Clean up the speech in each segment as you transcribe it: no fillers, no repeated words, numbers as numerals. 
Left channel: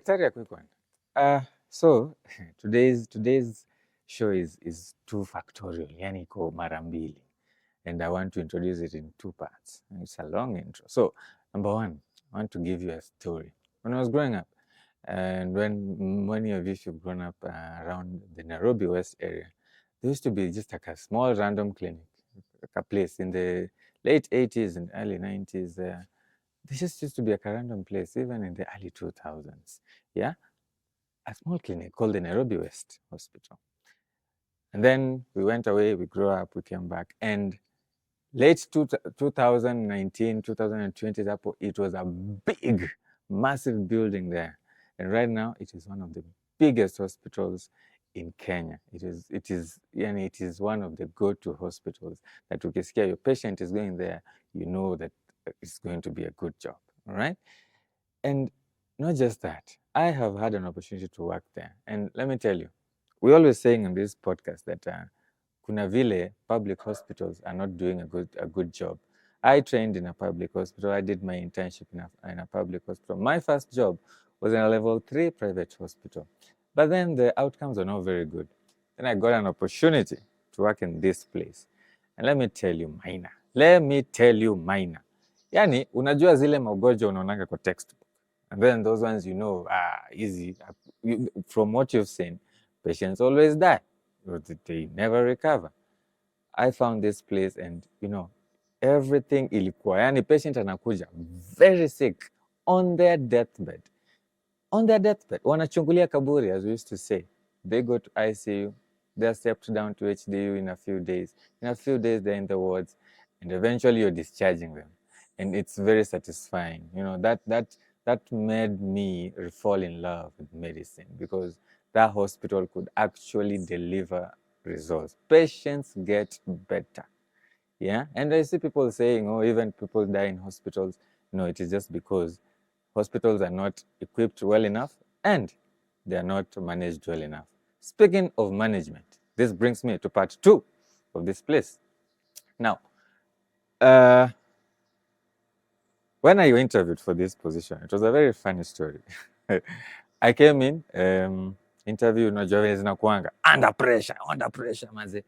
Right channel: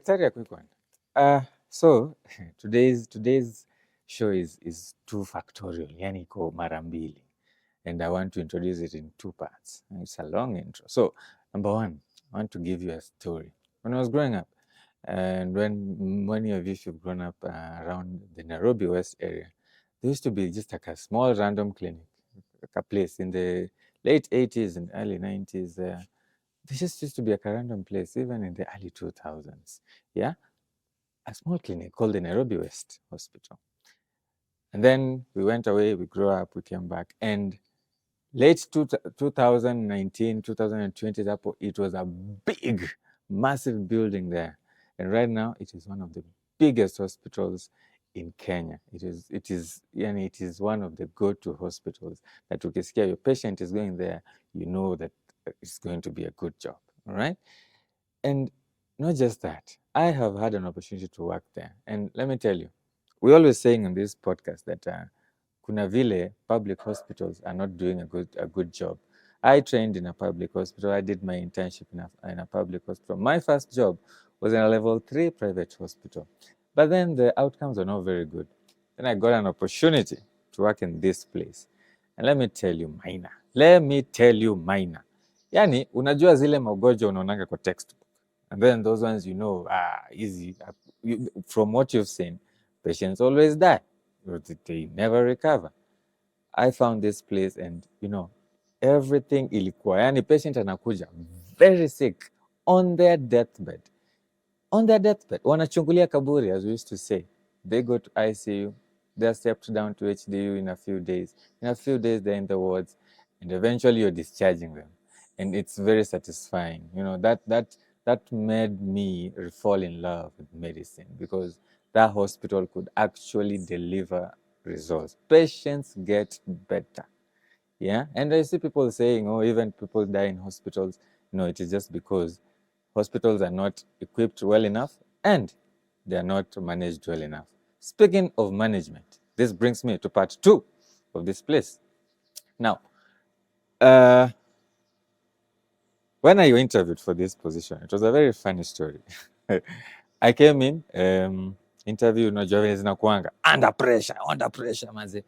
Daktari, a quick one. So today's show is two factorial, yani iko mara mbili, and I want to introduce it in two parts. It's a long intro. So number one, I want to give you a story. When I was growing up, and when many of you have grown up around the Nairobi West area, there used to be just like a small random clinic, like a place in the late 80s and early 90s. This just used to be like a random place, even in the early 2000s. Yeah, a small clinic called the Nairobi West Hospital. And then we went away, we grew up, we came back. And late 2019, 2020, it was a big, massive building there. And right now, it is one of the biggest hospitals in Kenya. It is one of the go-to hospitals that you can scare your patient is going there, you know that it's going to be a good job, all right? And not just that, I have had an opportunity to work there. And let me tell you, we're always saying on this podcast that kuna vile public hospitals are not doing a good job. I trained in a public hospital. I did my internship in a public hospital. My first job was in a level 3 private hospital. But then the outcomes are not very good. Then I got an opportunity to work in this place. And let me tell you, minor. Yani, unajua zile magonjwa unaonanga kwa textbook. And then those ones, easy. From what you've seen, patients always die. They never recover. I found this place and, everything ilikuwa. Yani patient anakuja very sick on their deathbed. On their deathbed. Wanachungulia kaburi, as we used to say. They go to ICU. They're stepped down to HDU in a few days. In a few days, they're in the wards. And eventually you're discharging them. And it's very satisfying. That made me fall in love with medicine because that hospital could actually deliver results. Patients get better. Yeah. And I see people saying, even people die in hospitals. No, it is just because hospitals are not equipped well enough and they are not managed well enough. Speaking of management, this brings me to part 2 of this place. Now, when I interviewed for this position, it was a very funny story. I came in, interview, zinakuanga under pressure, manze.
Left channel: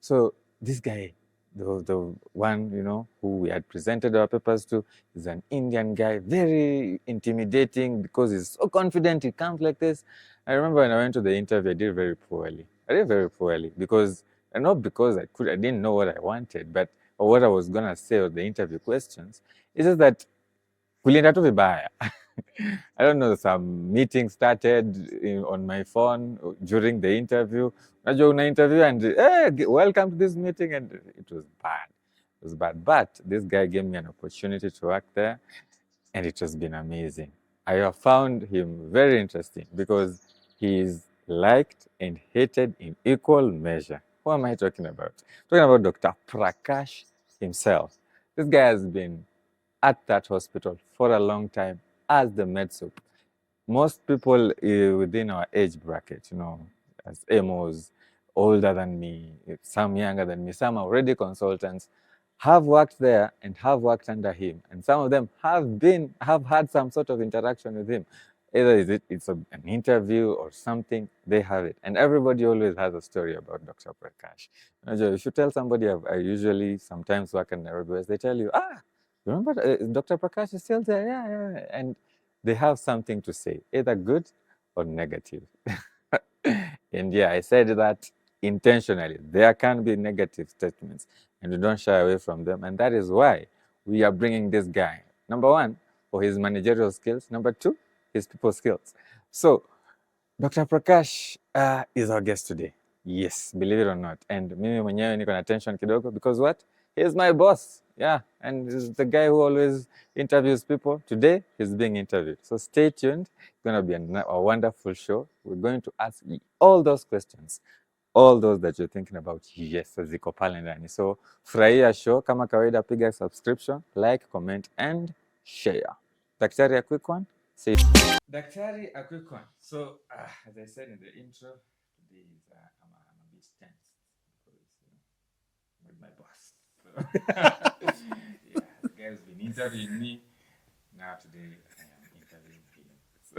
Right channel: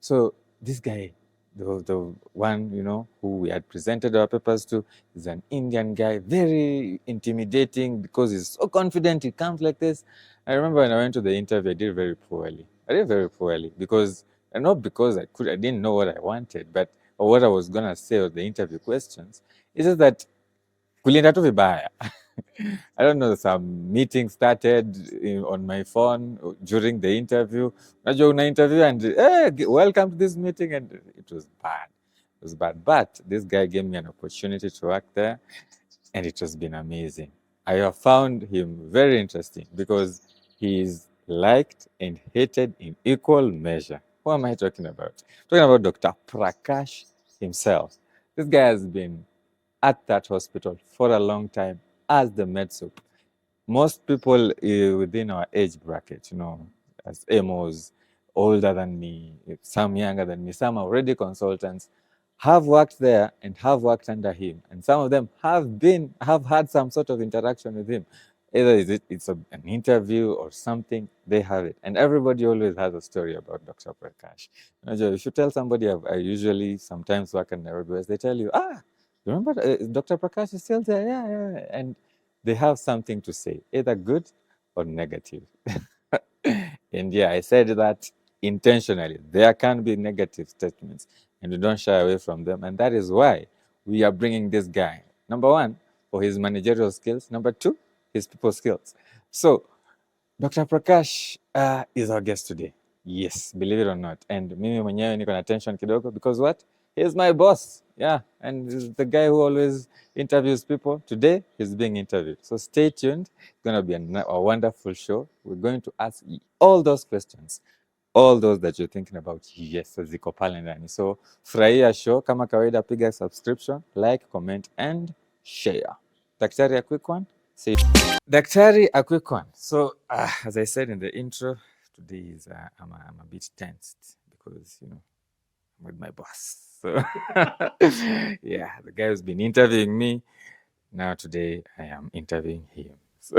So this guy, the one, who we had presented our papers to, is an Indian guy, very intimidating because he's so confident he comes like this. I remember when I went to the interview, I did very poorly. Because, and not because I didn't know what I wanted, but or what I was gonna say or the interview questions. It's just that kulienda tu vibaya. I don't know, some meeting started on my phone during the interview. Najua una interview and welcome to this meeting, and it was bad. It was bad. But this guy gave me an opportunity to work there, and it has been amazing. I have found him very interesting because he is liked and hated in equal measure. Who am I talking about? I'm talking about Dr. Prakash himself. This guy has been at that hospital for a long time as the med sup. Most people within our age bracket, as AMOs, older than me, some younger than me, some are already consultants, have worked there and have worked under him. And some of them have had some sort of interaction with him. Either it's an interview or something, they have it. And everybody always has a story about Dr. Prakash. If you tell somebody, I usually sometimes work in Nairobi West, they tell you, remember Dr. Prakash is still there? Yeah. And they have something to say, either good or negative. And yeah, I said that intentionally. There can be negative statements, and we don't shy away from them. And that is why we are bringing this guy. Number one, for his managerial skills. Number two, his people skills. So, Dr. Prakash is our guest today. Yes, believe it or not. And mimi mwenyewe niko na tension kidogo because what? He's my boss. Yeah, and he's the guy who always interviews people. Today, he's being interviewed. So stay tuned. It's going to be a wonderful show. We're going to ask all those questions, all those that you're thinking about. Yes, ziko pale ndani. So furahia show. Kama kawaida, piga subscription, like, comment, and share. Daktari, a quick one. See you. Daktari, a quick one. So, as I said in the intro, today is I'm a bit tensed because I'm with my boss. So, yeah, the guy who's been interviewing me. Now today I am interviewing him. So,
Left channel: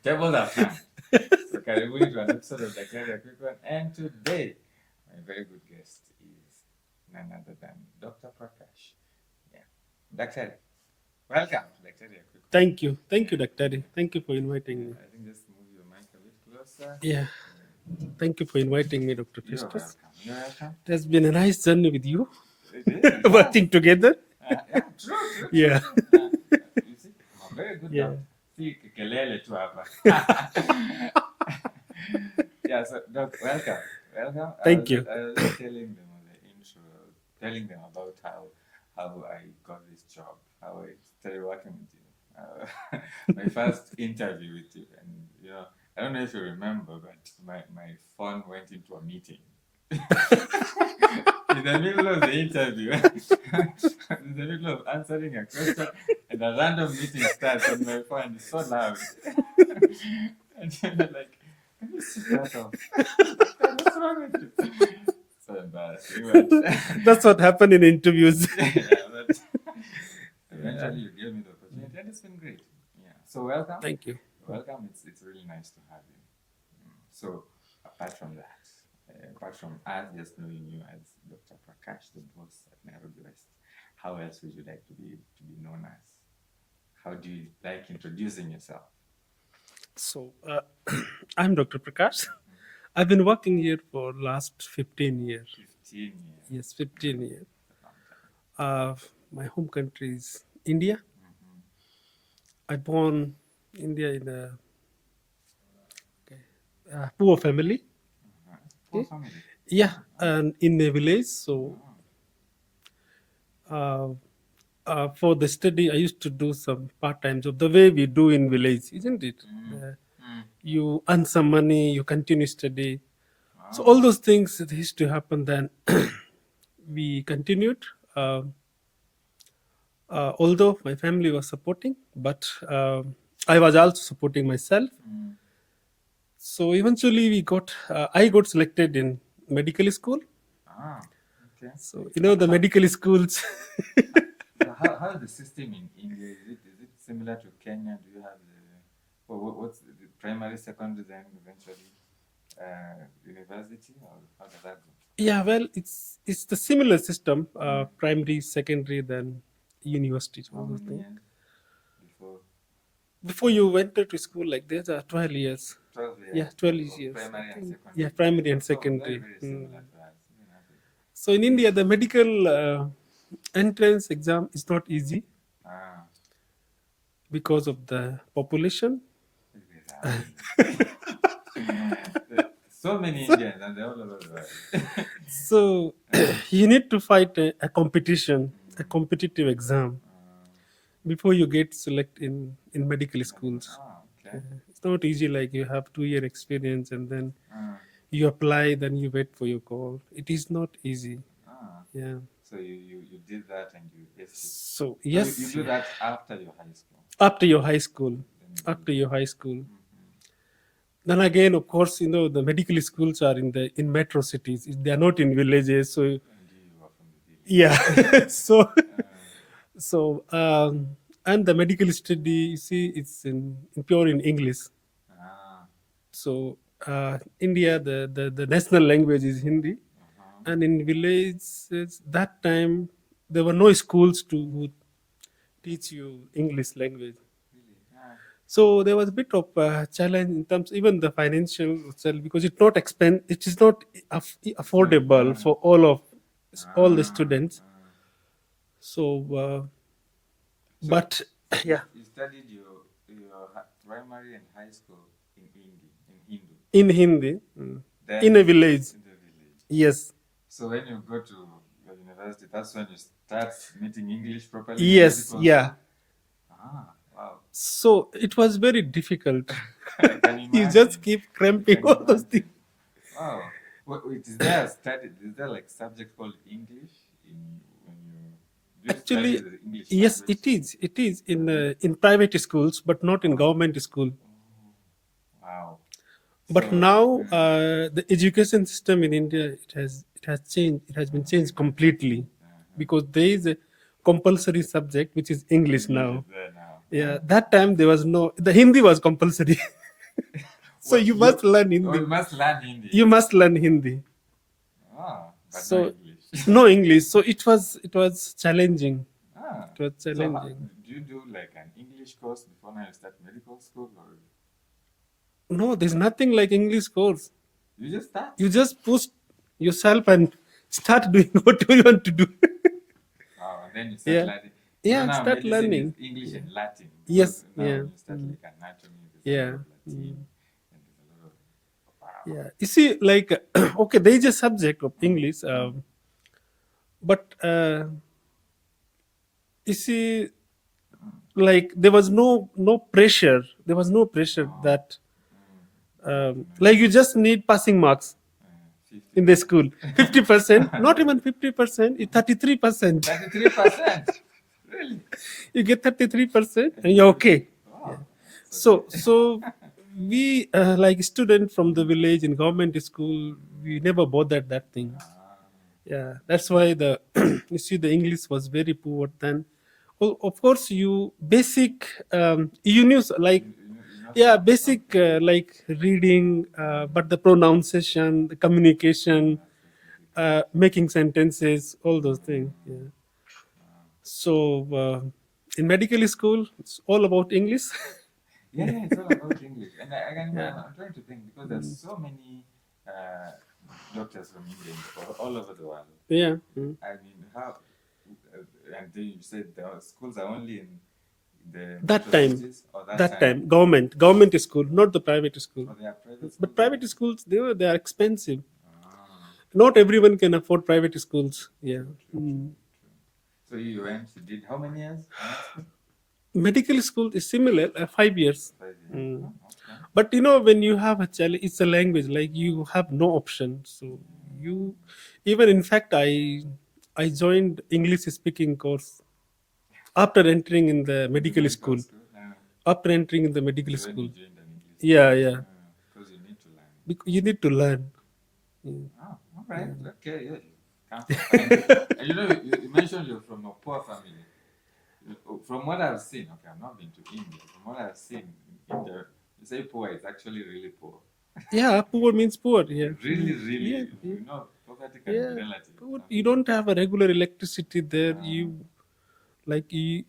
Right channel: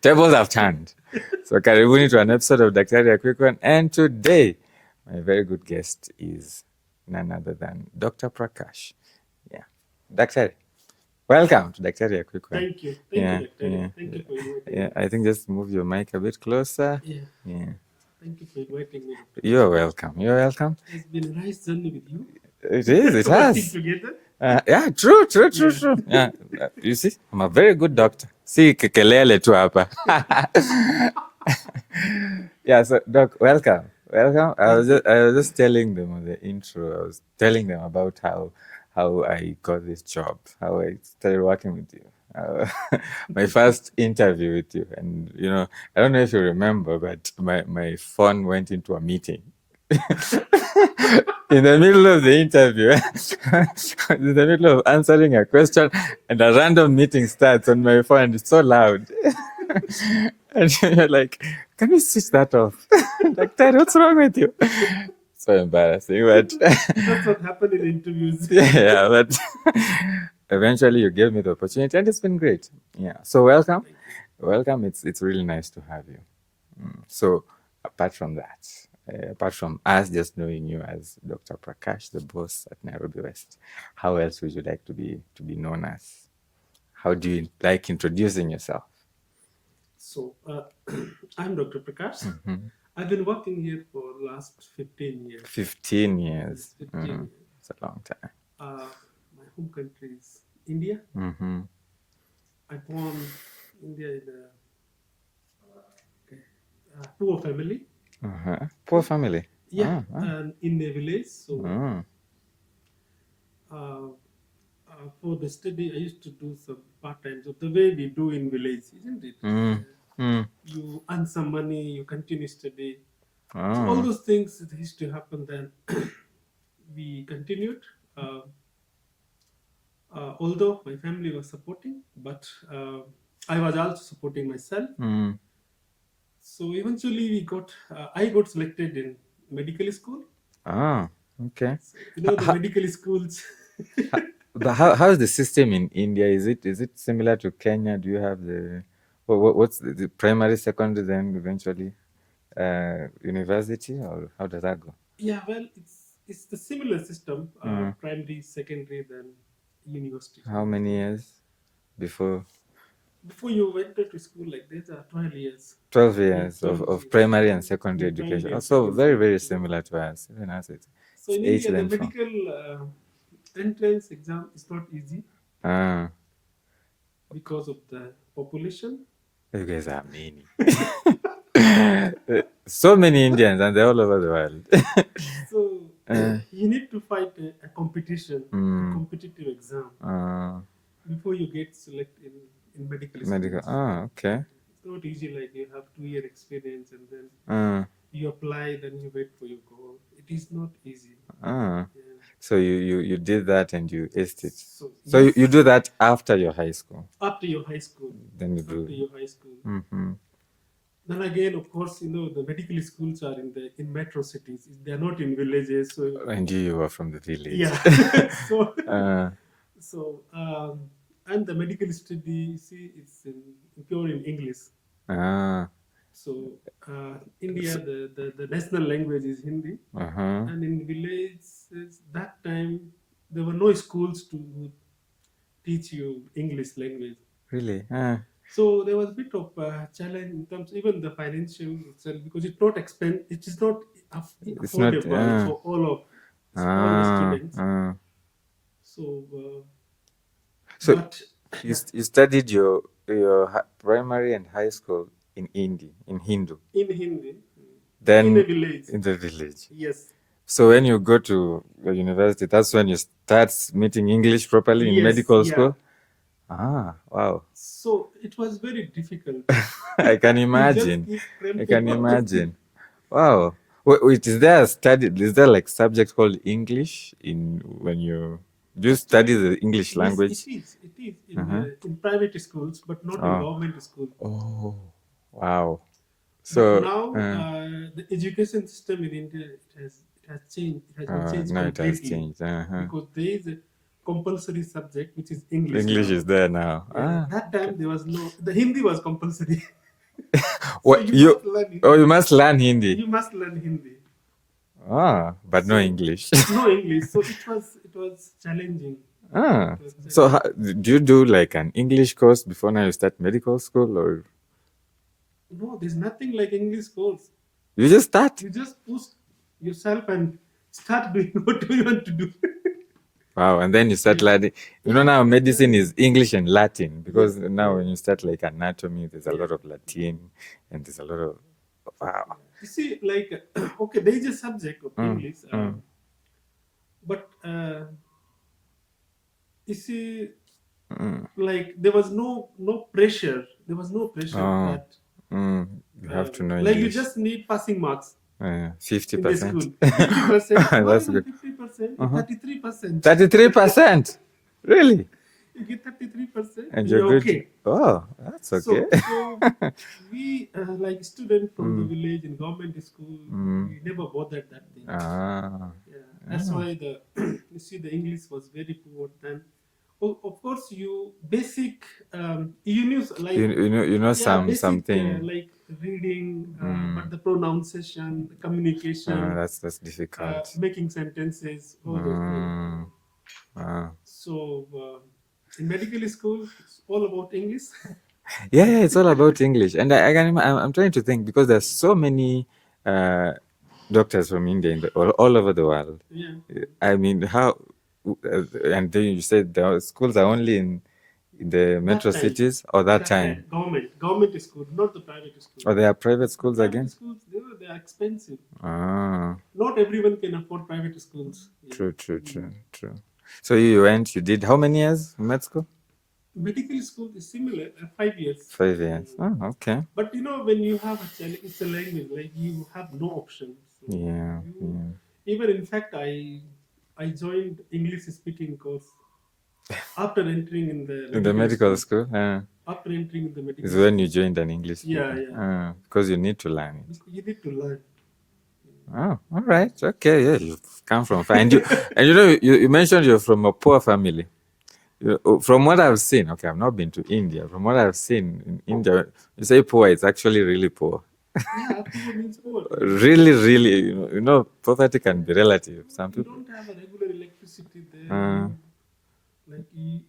tables have turned. So karibuni to an episode of Daktari, a quick one. And today, my very good guest is none other than Dr. Prakash. Yeah. Daktari, welcome to Daktari, a quick one. Thank you. Thank you, Daktari. Thank you for inviting me. I think just move your mic a bit closer. Yeah. Thank you for inviting me, Dr. You're welcome. You're welcome. It has been a nice journey with you. It is. It Working has. together. Yeah, true. Yeah. You see, I'm a very good doctor. See, kelele tu hapa. Yeah, so Doc, welcome. I was just telling them on the intro. I was telling them about how I got this job, how I started working with you. My first interview with you, and I don't know if you remember, but my phone went into a meeting. In the middle of the interview, in the middle of answering a question, and a random meeting starts on my phone, and it's so loud. And you're like, can you switch that off? Like, Dad, what's wrong with you? So embarrassing, but that's what happened in interviews. Yeah, but eventually you gave me the opportunity, and it's been great. Yeah, so welcome. Thank you. Welcome. It's really nice to have you. So apart from that, apart from us just knowing you as Dr. Prakash, the boss at Nairobi West, how else would you like to be known as? How do you like introducing yourself? So I'm Dr. Prakash. Mm-hmm. I've been working here for last 15 years. 15 years. Yes, 15 years. It's a long time. My home country is India. Mm-hmm. I born in India in a poor family. Poor family. Yeah, and in a village. So for the study, I used to do some part-time job, the way we do in village, isn't it? You earn some money, you continue study. So all those things that used to happen. Then we continued. Although my family was supporting, but I was also supporting myself. So eventually I got selected in medical school. Okay. So the medical schools. But how is the system in India? Is it similar to Kenya? Do you have what's the primary, secondary, then eventually university, or how does that go? Yeah, well, it's the similar system. Primary, secondary, then university. How many years before you enter to school? Like there's 12 years. 12 years, 12 of years. Primary and secondary education. Primary and secondary. Very, very similar to us. Even us. So in India, the medical entrance exam is not easy because of the population. You guys are mean. So many Indians, and they're all over the world. So you need to fight a competition, a competitive exam before you get selected in medical schools. Okay. It's not easy. Like you have 2-year experience, and then you apply, then you wait for your call. It is not easy. Yeah. So you did that and you aced it. So you do that after your high school. After your high school. Then after your high school. Then again, of course, the medical schools are in metro cities. They are not in villages. So and you were from the village. Yeah. And the medical study, you see, it's in pure in English. So India, the national language is Hindi, and in villages that time there were no schools to teach you English language. Really? So there was a bit of a challenge in terms, even the financial itself, because it's not it is not affordable for all the students. But you studied your primary and high school in Hindi, in Hindu. In Hindi. Then in a village. In the village. Yes. So when you go to the university, that's when you start meeting English properly in medical school? Wow. So it was very difficult. I can imagine. You just keep cramping. I can imagine. Wow. Wait, is there like subject called English when you study the English language? Yes, it is in private schools, but not in government school. Oh, wow. But now the education system in India it has changed. It has been changed completely because there is compulsory subject, which is English now. English is there now. Yeah, that time there was no, the Hindi was compulsory. So What, you must learn Hindi. Oh, you must learn Hindi. You must learn Hindi. But no English. No English. So it was challenging. It was challenging. So do you do like an English course before now you start medical school, or? No, there's nothing like English course. You just start. You just push yourself and start doing what you want to do. Wow, and then you start learning. You know, now medicine learning. is English and Latin, because now when you start Mm. like anatomy, there's a lot of Latin, and there's a lot of, wow. Yeah. You see, like, okay, there is a subject of English, but you see, like, there was no pressure. There was no pressure that, You have to know like, you English. just need passing marks 50%. in the school. 50%, not That's even good. 50%, 33%. 33%? Really? You get 33% and you're you're good. okay. Oh, that's okay. So we, like students from the village in government school, we never bothered that thing. Yeah, that's why the you see the English was very poor then. Well, of course, you basic you knew like you know basic something. like reading, but the pronunciation, the communication, that's difficult. making sentences, all those things. So in medical school, it's all about English. Yeah, it's all about English, and I'm trying to think, because there's so many doctors from India all over the world. Yeah. I mean, how? And then you said the schools are only in the metro cities, or that time? Government school, not the private school. Or they are private schools private again? schools, they are expensive. Not everyone can afford private schools. Yeah. True. So you did how many years in med school? Medical school is similar, 5 years. 5 years. Okay. But when you have a challenge, it's a language, like you have no option. So even in fact, I joined English speaking course after entering in the medical school. After entering in the medical school. When you joined an English school. Yeah. Because you need to learn it. You need to learn. Oh, all right. Okay, yeah, you've come from far. And you mentioned you're from a poor family. From what I've seen, okay, I've not been to India. From what I've seen in India, you say poor, it's actually really poor. Yeah, poor means poor. Yeah. Really, poverty can be relative. You don't have a regular electricity there.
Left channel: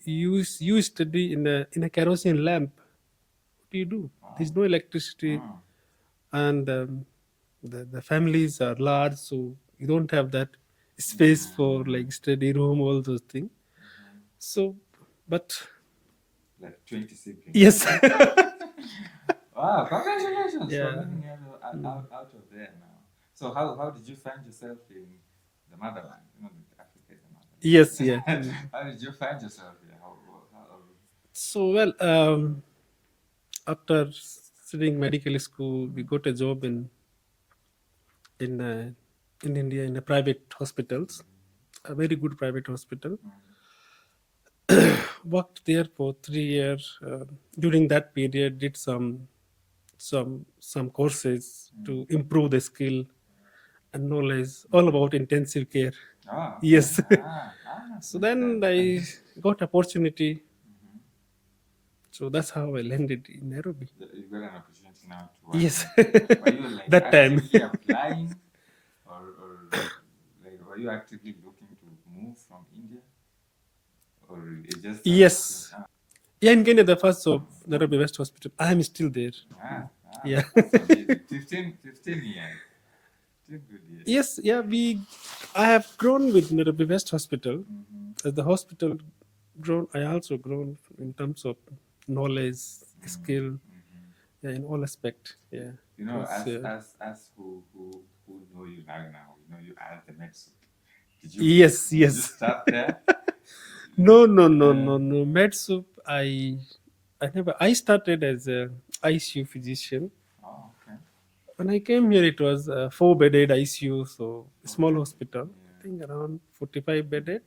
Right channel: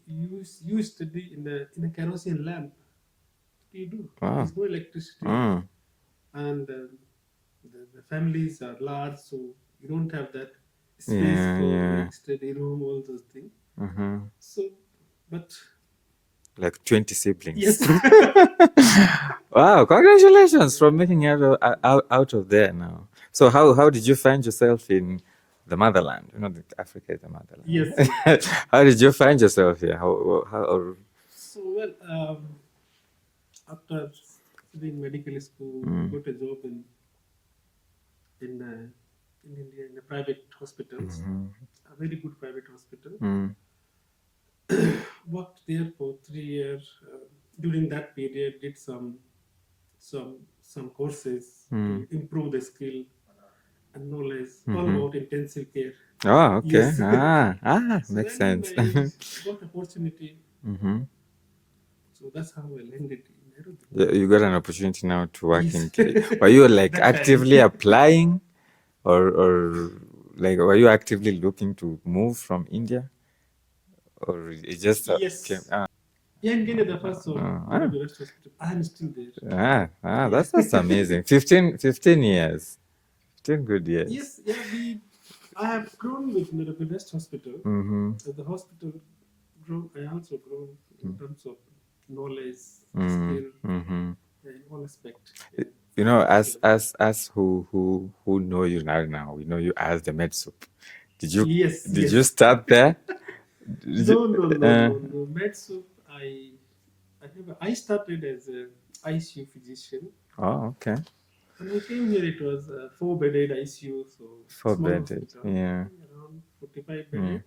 You study in a kerosene lamp. What do you do? There's no electricity, and the families are large, so you don't have that space for like study room, all those things. So, but like 20 siblings. Yes. Wow! Congratulations for making it out of there now. So how did you find yourself in the motherland? Africa is the motherland. Yes. Yeah. How did you find yourself here? So after studying medical school, we got a job in India in a private hospitals, a very good private hospital. Worked there for 3 years. During that period, did some courses to improve the skill and knowledge, all about intensive care. Oh, okay. Yes. So then sense. I got opportunity. So that's how I landed in Nairobi. You got an opportunity now to work Yes. Were you like actively applying, or like were you actively looking to move from India, or it just Yes. Yeah, in Kenya, the first of Nairobi West Hospital. I am still there. That's amazing. 15 years. 15 good years. Yes, yeah. I have grown with Nairobi West Hospital. As the hospital grown, I also grown in terms of knowledge, skill, in all aspects. Yeah. As who know you now, we know you as the med soup. Did you? Yes. Did you start there? No. Med soup. I never. I started as a ICU physician. Oh, okay. When I came here, it was a 4-bedded ICU, so small hospital. Yeah. I think around 45 bedded.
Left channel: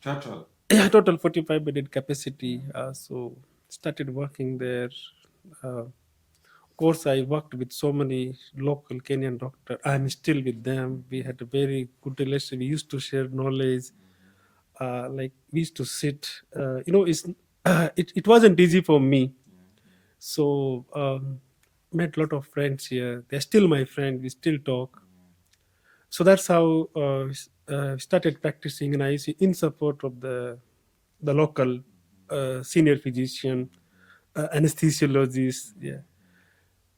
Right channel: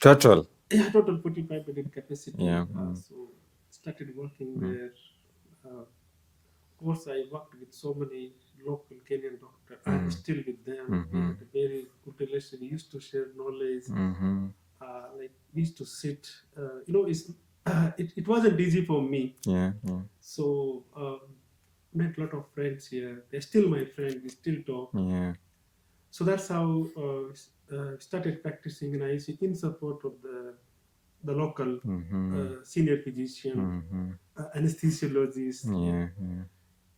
Total. Yeah, total 45 bedded capacity. Yeah. So started working there. Of course, I worked with so many local Kenyan doctors. I'm still with them. We had a very good relationship. We used to share knowledge. like we used to sit. It wasn't easy for me. Yeah. So met a lot of friends here. They're still my friend. We still talk. Yeah. So that's how started practicing in ICU in support of the local senior physician, anesthesiologist. Yeah.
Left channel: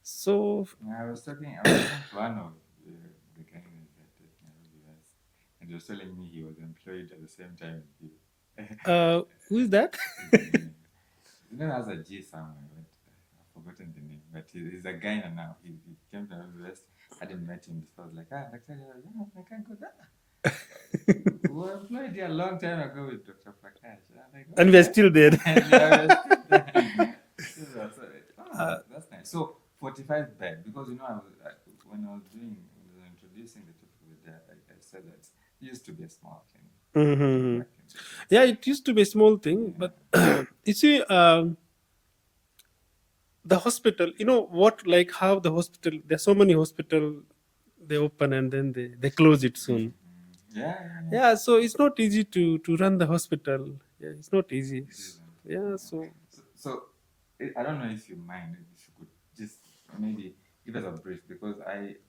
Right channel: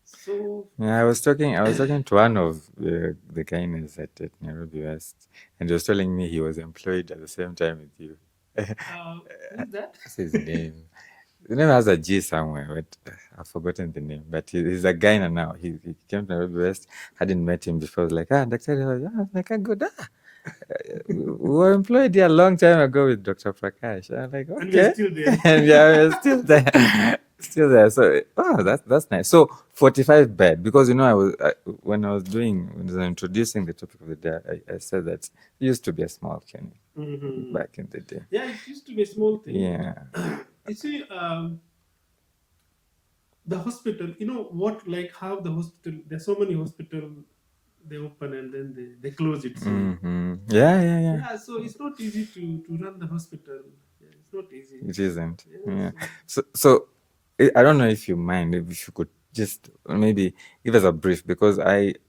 So Yeah, I was talking to one of the gynaes at Nairobi West, and he was telling me he was employed at the same time with you. who is that? What's his name? The name has a G somewhere, but I've forgotten the name. But he's a gyna now. He came to Nairobi West. Hadn't met him before. I was like, Daktari, how are you? I was like, good. We were employed here a long time ago with Dr. Prakash. I'm like, okay. And we're still there. And yeah, we're still there. Still there. So, that's nice. So, 45 bed, because when I was introducing the topic of the day, I said that it used to be a small clinic back in the day. Yeah, it used to be a small thing. Yeah. But you see, the hospital, how the hospital, there's so many hospital, they open and then they close it soon. Yeah, so it's not easy to run the hospital. Yeah, it's not easy. It isn't. Yeah. So I don't know if you mind, if you could just maybe give us a brief, because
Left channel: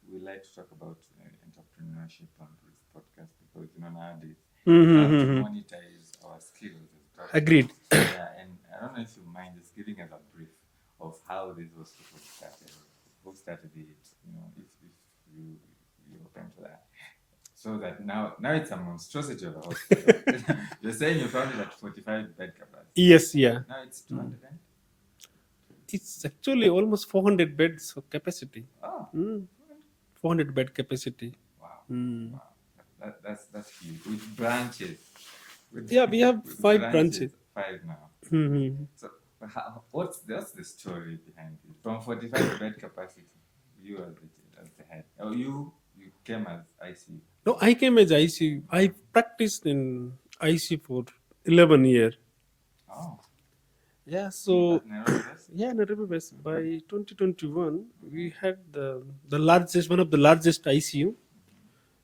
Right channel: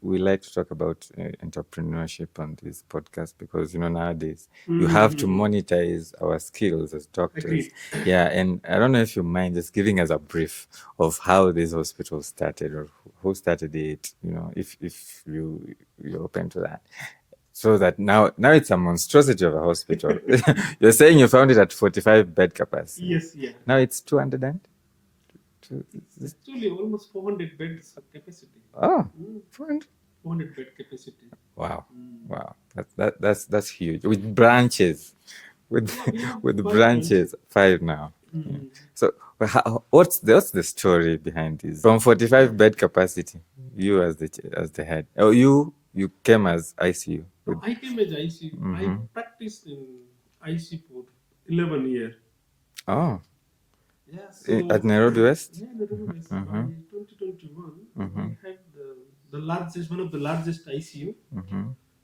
we like to talk about entrepreneurship on this podcast, because nowadays you have to monetize our skills as doctors. Agreed. Yeah, and I don't know if you mind just giving us a brief of how this hospital started, or who started it. If you're open to that. So that now it's a monstrosity of a hospital. You're saying you found it at 45 bed capacity. Yes, yeah. Now it's 200 and? It's actually almost 400 beds of capacity. Oh, 400 bed capacity. Wow. Wow. That's huge. With branches. We have with 5 branches. 5 now. So what's the story behind this? From 45 bed capacity, you as the head. Oh, you came as ICU. No, I came as ICU. I practiced in ICU for 11 years. Oh. Yeah, so at Nairobi West? Yeah, Nairobi West. By 2021, we had one of the largest ICU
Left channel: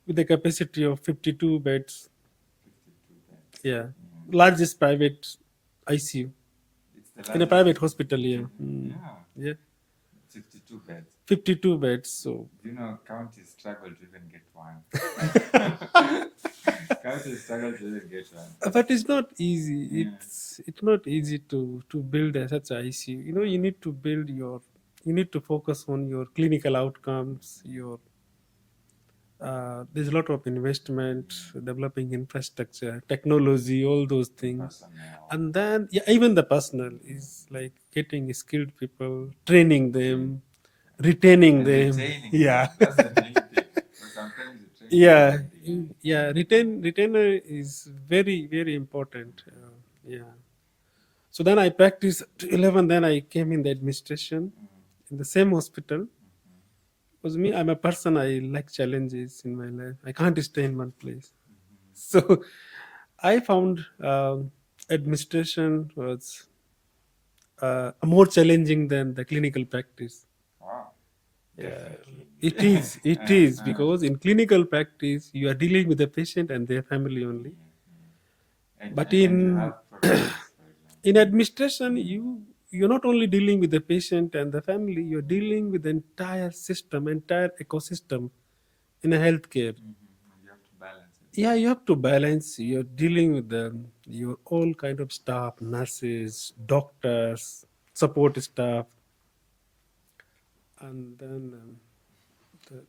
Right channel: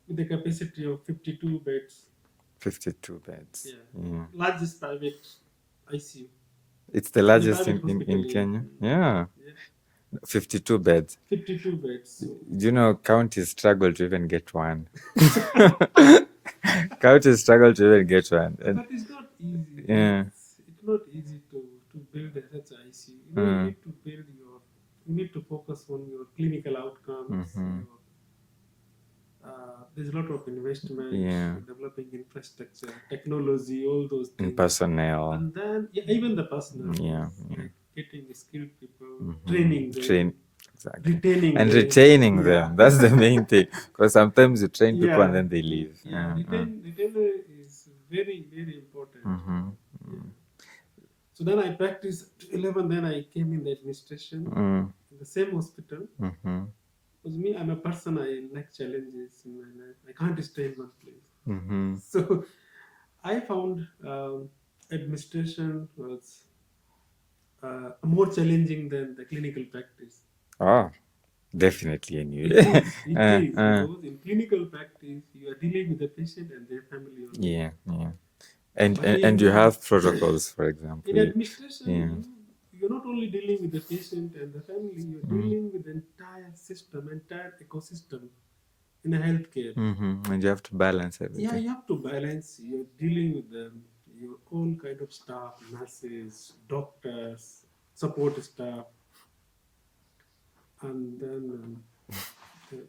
with a capacity of 52 beds. 52 beds. Yeah. Largest private ICU. It's the largest private hospital in Kenya. Yeah. 52 beds. 52 beds. So counties struggle to even get one. Counties struggle to even get one. But it's not easy. Yeah. It's not easy to build such an ICU. You need to focus on your clinical outcomes, there's a lot of investment, developing infrastructure, technology, all those things. Personnel. And then, even the personnel. Like getting skilled people, training them, retaining them. Retaining them. That's the main thing. Because sometimes you train people and then they leave. Yeah, retainer is very, very important. So then I practiced 11, then I came in the administration in the same hospital. Because me, I'm a person, I like challenges in my life. I can't stay in one place. So I found administration was more challenging than the clinical practice. Oh, definitely. It is because in clinical practice, you are dealing with the patient and their family only. Yeah. And you have protocols, for example. In administration, you're not only dealing with the patient and the family, you're dealing with the entire system, entire ecosystem in a healthcare. And you have to balance everything. Yeah, you have to balance. You're dealing with your all kind of staff, nurses, doctors, support staff, and then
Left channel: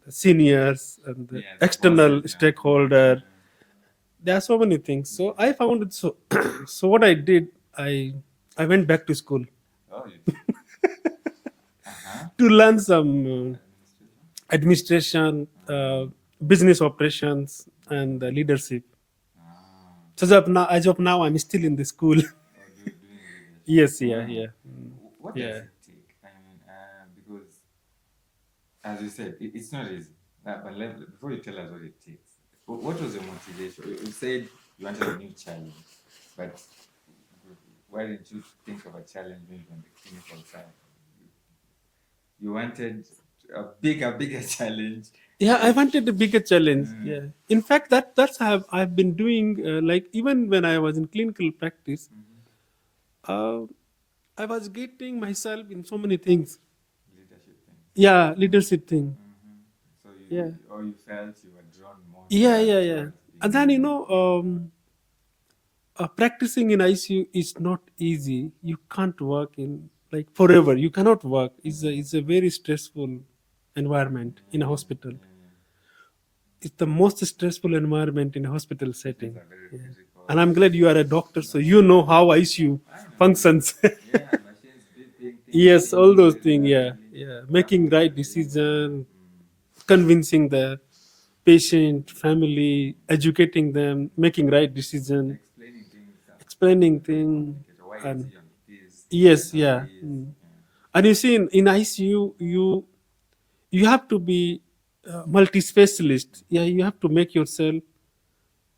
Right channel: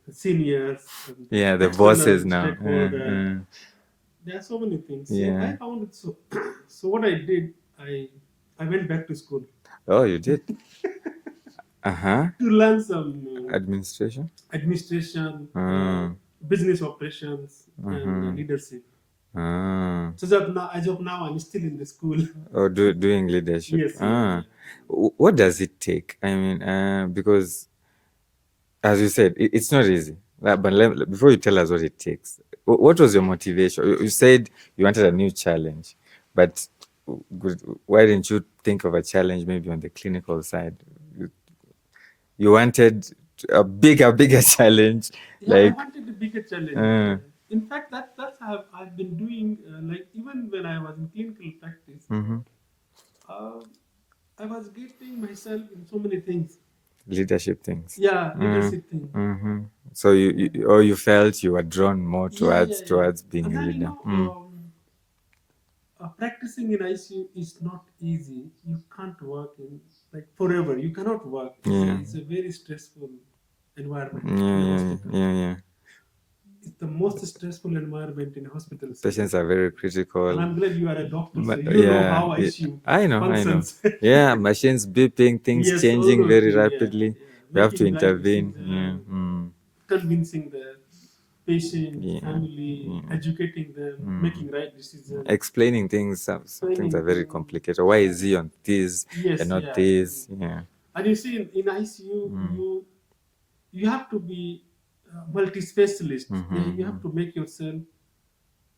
the seniors and the external bosses stakeholder. There are so many things. So I found it so. So what I did, I went back to school. Oh, you did? To learn some administration, business operations, and leadership. So as of now, I'm still in the school. Oh, doing leadership. Yes, What does it take? I mean, because as you said, it's not easy. But before you tell us what it takes, what was your motivation? You said you wanted a new challenge, but why didn't you think of a challenge maybe on the clinical side? You wanted a bigger challenge. Yeah, I wanted a bigger challenge. In fact, that's how I've been doing. Like even when I was in clinical practice, uh, I was getting myself in so many things. Leadership things. Yeah, leadership thing. So Yeah. you felt you were drawn more Yeah, towards being and then leader. Practicing in ICU is not easy. You can't work in like forever. You cannot work. It's a very stressful environment in a hospital. Yeah. It's the most stressful environment in a hospital setting. Patients are very critical. And I'm glad you are a doctor, so you know how ICU I know. functions. Yeah, machines beeping, things Yes, all changing those very things. rapidly. Yeah. You have to Making right intervene. decision, convincing the patient, family, educating them, making right decision, Explaining things. Some things explaining are very things. complicated. Why is he on this Yes, and not yeah. this? Yeah. And you see, in ICU, you have to be multi-specialist. Yeah, you have to make yourself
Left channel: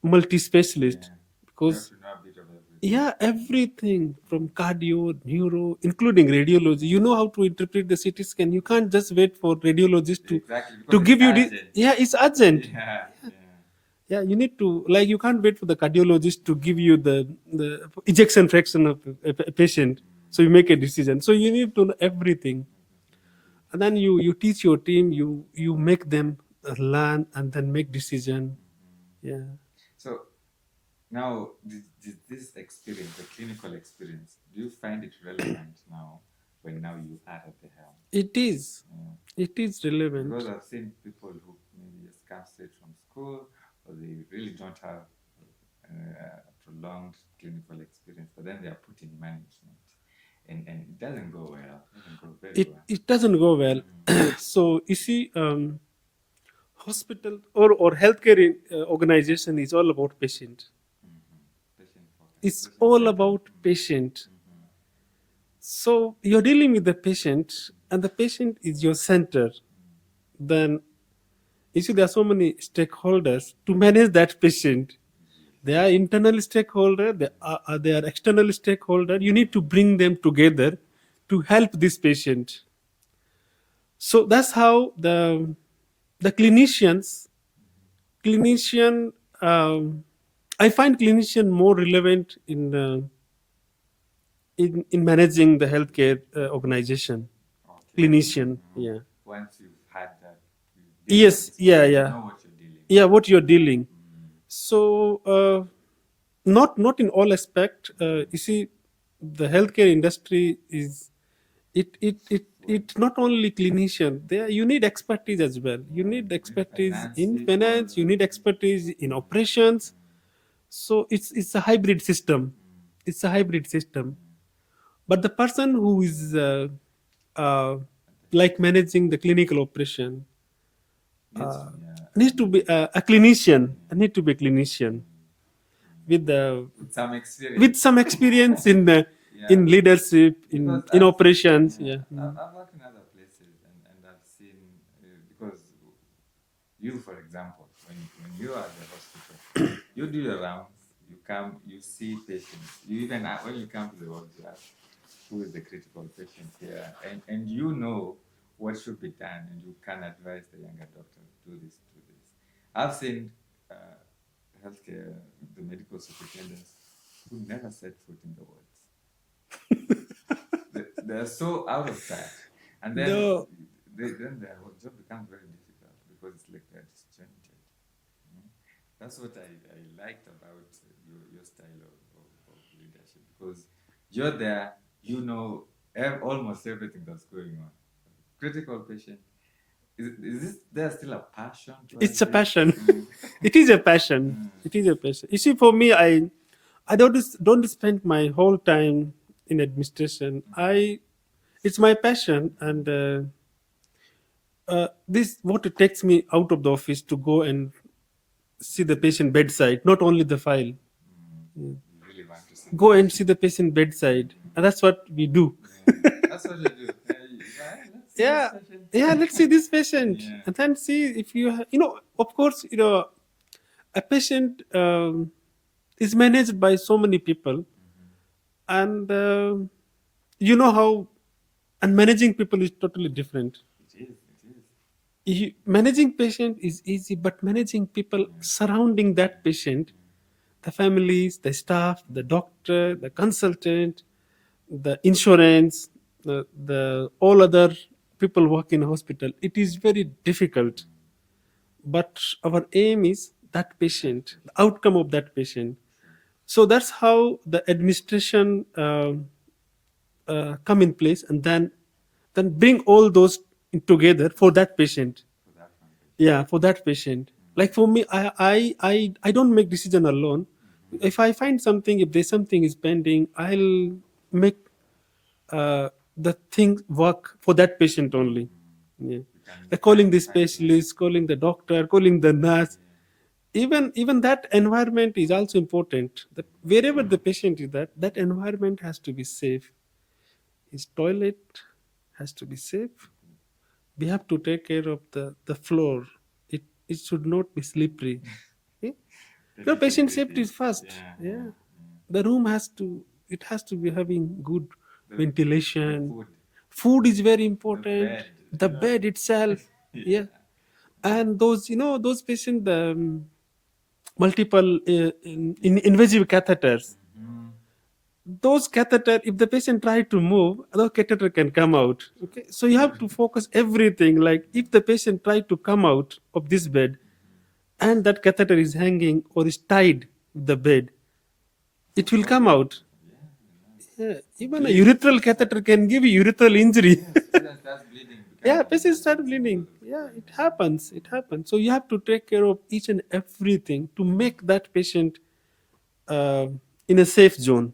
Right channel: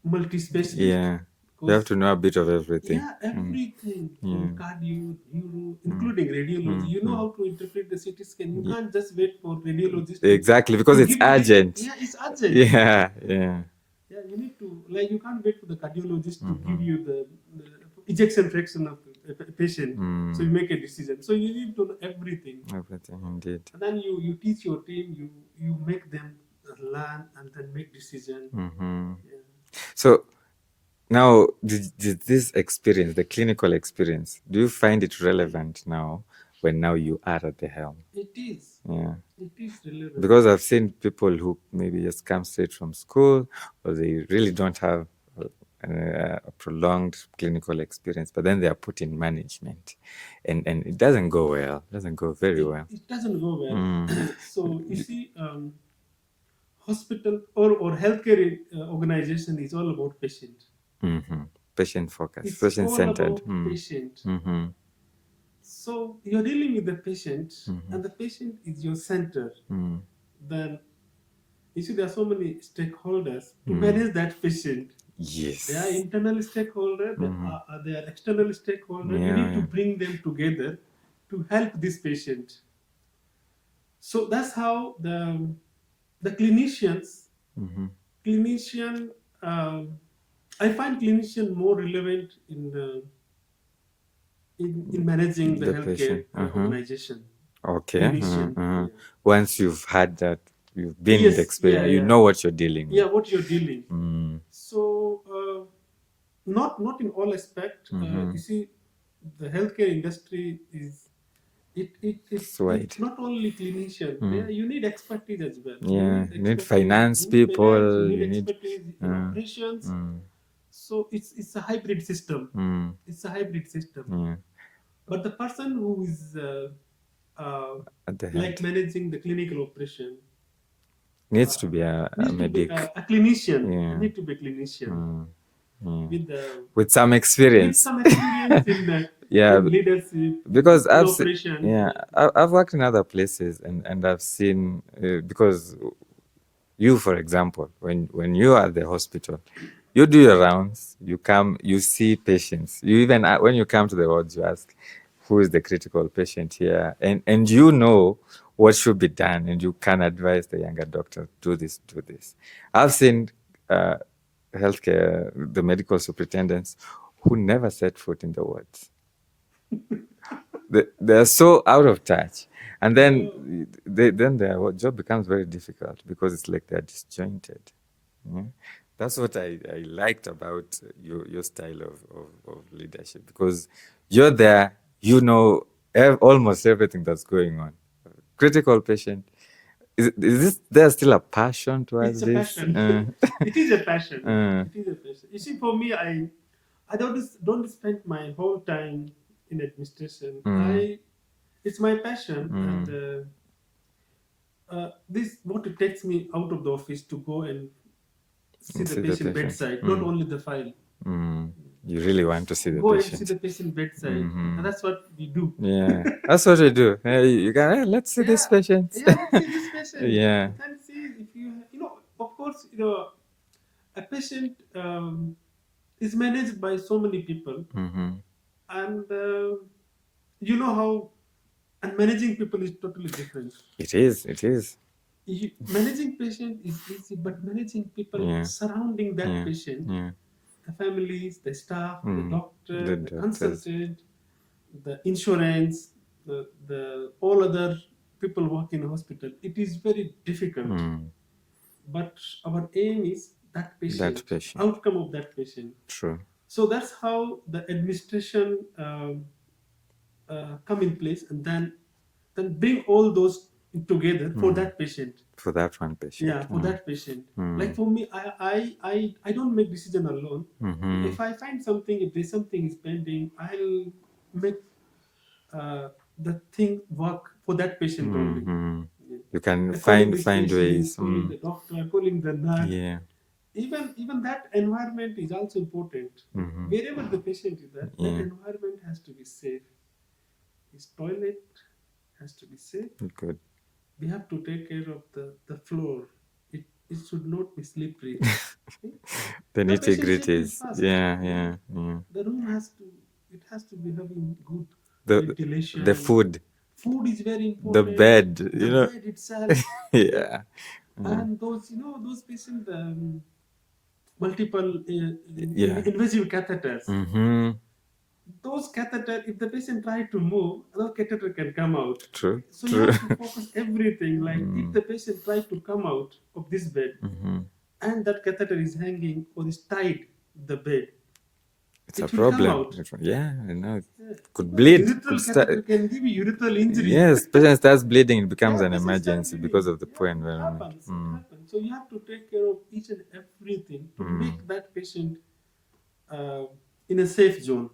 multi-specialist. Yeah. Because You have to know a bit of everything. yeah, everything from cardio, neuro, including radiology. You know how to interpret the CT scan. You can't just wait for radiologist Exactly, because to it's give you urgent. yeah, it's urgent. Yeah. Yeah, you need to like you can't wait for the cardiologist to give you the ejection fraction of a patient. So you make a decision. So you need to know everything. Everything indeed. And then you teach your team. You make them learn and then make decision. Yeah. So now, did this experience, the clinical experience, do you find it relevant now when now you are at the helm? It is. Yeah. It is relevant. Because I've seen people who maybe just come straight from school, or they really don't have a prolonged clinical experience, but then they are put in management, and it doesn't go well. It doesn't go very well. It doesn't go well. So you see, hospital or healthcare organization is all about patient. Patient focus. It's patient all centered. about patient. So you're dealing with the patient, and the patient is your center. Then you see, there are so many stakeholders to manage that patient. Yes. They are internal stakeholder. They are external stakeholder. You need to bring them together to help this patient. So that's how the clinicians, clinician. I find clinician more relevant in managing the healthcare organization. Okay. Clinician. Yeah. Once you've had that, you've been with experience, you know what you're dealing with. Yeah, what you're dealing. So not in all aspect. You see, the healthcare industry is it's not only clinician. There you need expertise as well. You need expertise finance in people. Finance. You need expertise in operations. So it's a hybrid system. It's a hybrid system. But the person who is like managing the clinical operation needs to be a clinician. Need to be a clinician with some experience. With some experience in leadership, because in operations. I've worked in other places and I've seen because you, for example, when you are at the hospital, you do your rounds, you come, you see patients. You even when you come to the wards, you ask, who is the critical patient here, and you know what should be done, and you can advise the younger doctor, do this. I've seen healthcare, the medical superintendents who never set foot in the wards. They're so out of touch, and then then their job becomes very difficult because it's like they're disjointed. That's what I liked about your style of leadership, because you're there, you know almost everything that's going on. Critical patient. Is there still a passion towards It's a this? passion. It is a passion. It is a passion. You see, for me, I don't spend my whole time in administration. It's my passion, and this what it takes me out of the office to go and see the patient bedside, not only the file. You really want to see the go patient. and see the patient bedside, and that's what we do. Yeah, that's what we do. You can let's see this patient. Yeah, let's see this patient. Yeah, and then see if you of course, a patient is managed by so many people, and how and managing people is totally different. It is. managing patient is easy, but managing people surrounding that patient, the families, the staff, the doctor, the consultant, the insurance, the all other people work in a hospital, it is very difficult. But our aim is that patient, the outcome of that patient. True. So that's how the administration come in place, and then bring all those together for that patient. For that one patient. Yeah, for that patient. Like for me, I don't make decision alone. If I find something, if there's something is pending, I'll make the thing work for that patient only. Yeah. You can calling the find specialist, ways. calling the doctor, calling the nurse. Yeah. Even that environment is also important. Wherever the patient is, that environment has to be safe. His toilet has to be safe. Good. We have to take care of the floor. It should not be slippery. Okay? The patient safety is first. Yeah. The room has to be having good ventilation. The food is very important. The bed. The bed itself. Yeah. And those patients, the multiple invasive catheters. Those catheter, if the patient try to move, the catheter can come out. True. Okay? So you have to focus everything. Like if the patient try to come out of this bed, and that catheter is hanging or is tied with the bed, it will come out. Yeah, I know. Could bleed. Urethral catheter can give you urethral injury. Yes, patient starts bleeding, it becomes an emergency because of the poor environment. It happens. So you have to take care of each and everything to make that patient in a safe zone.